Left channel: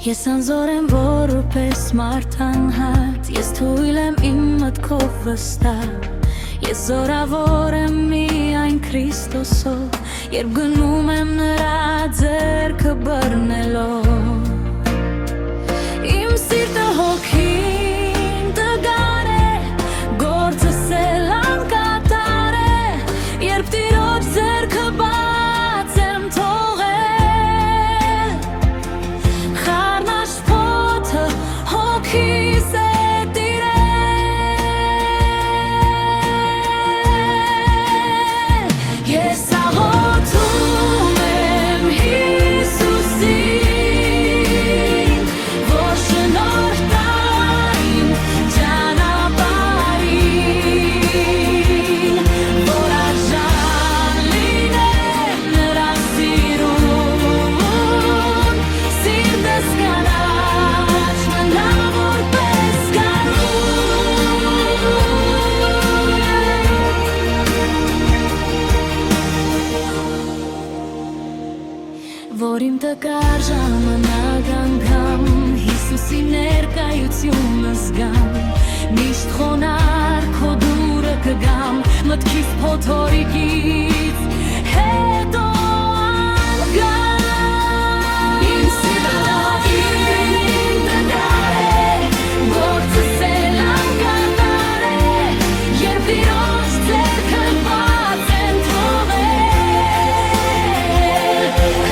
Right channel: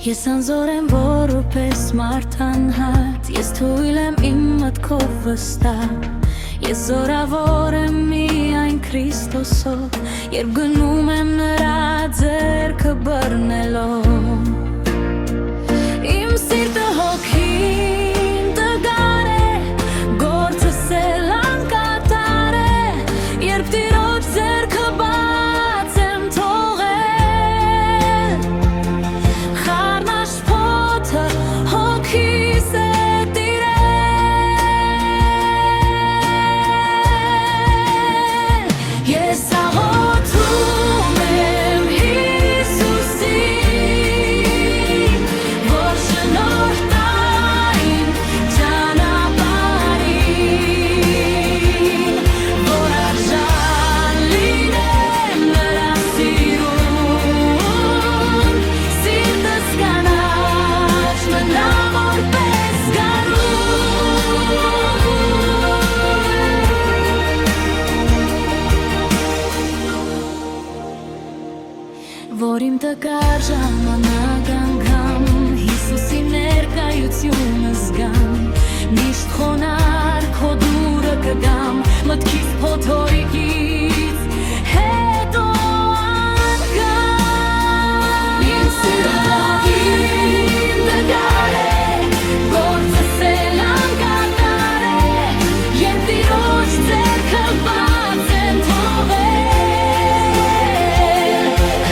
Ես անզոր եմ որպես մարդ անհատ, ես թույլ եմ իմ մտքով վստահ, ես զորավոր եմ միայն Քրիստոսով, երբ գնում եմ նրա ձեռքը բռնելով։ Իմ սիրտը հոգին տգար է, գործս էլ անկատար է, երբ Տիրոջ ձեռքը բաց եմ թողել, խառնաշփոթը հոգիս է տիրել։ Ես աղոթում եմ Հիսուսին, որ շնորհ տա իմ ճանապարհին, որ արժան լինեմ նրա սիրուն, սիրտս կանաչ մնա որպես որ իմ տկար ժամանակ անգամ Հիսուսի ներկայությունը զգամ, միշտ խոնարհ քո դուրը կգամ, մտքիս փոթորիկից հետո անգամ։ Իմ սիրտը հոգին տգար է, գործս էլ անկատար է, երբ Տիրոջ ձեռքը բաց եմ թողել,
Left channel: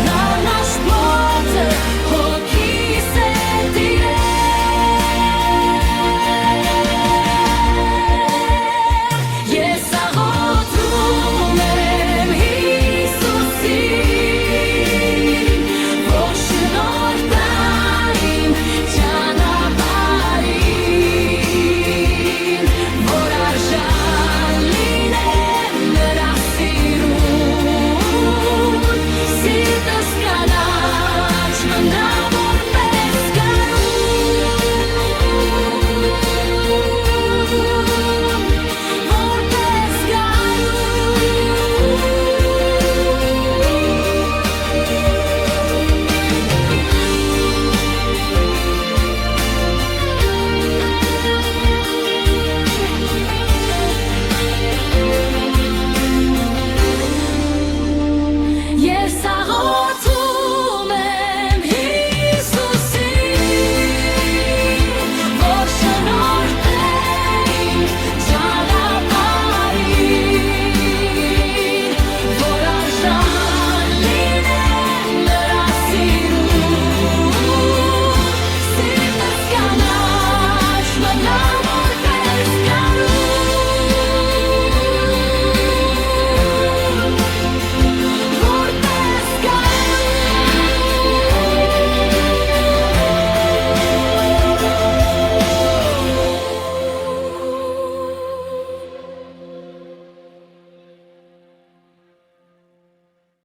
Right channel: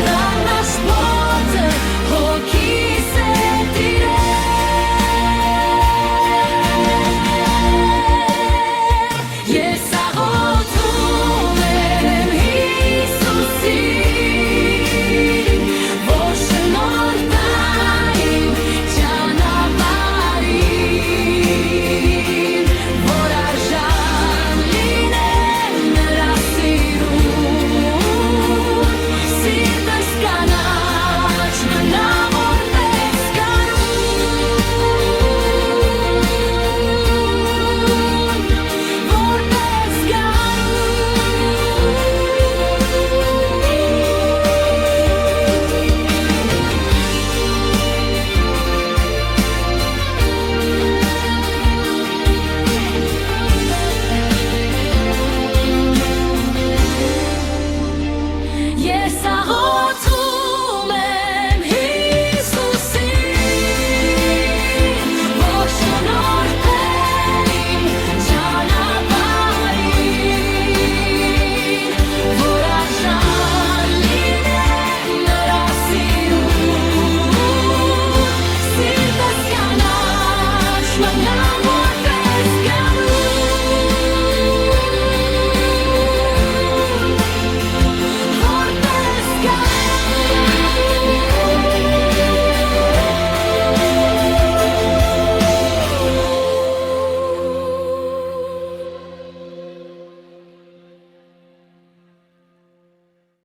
խառնաշփոթը հոգիս է տիրել։ Ես աղոթում եմ Հիսուսին, որ շնորհ տա իմ ճանապարհին, որ արժան լինեմ նրա սիրուն, սիրտս կանաչ մնա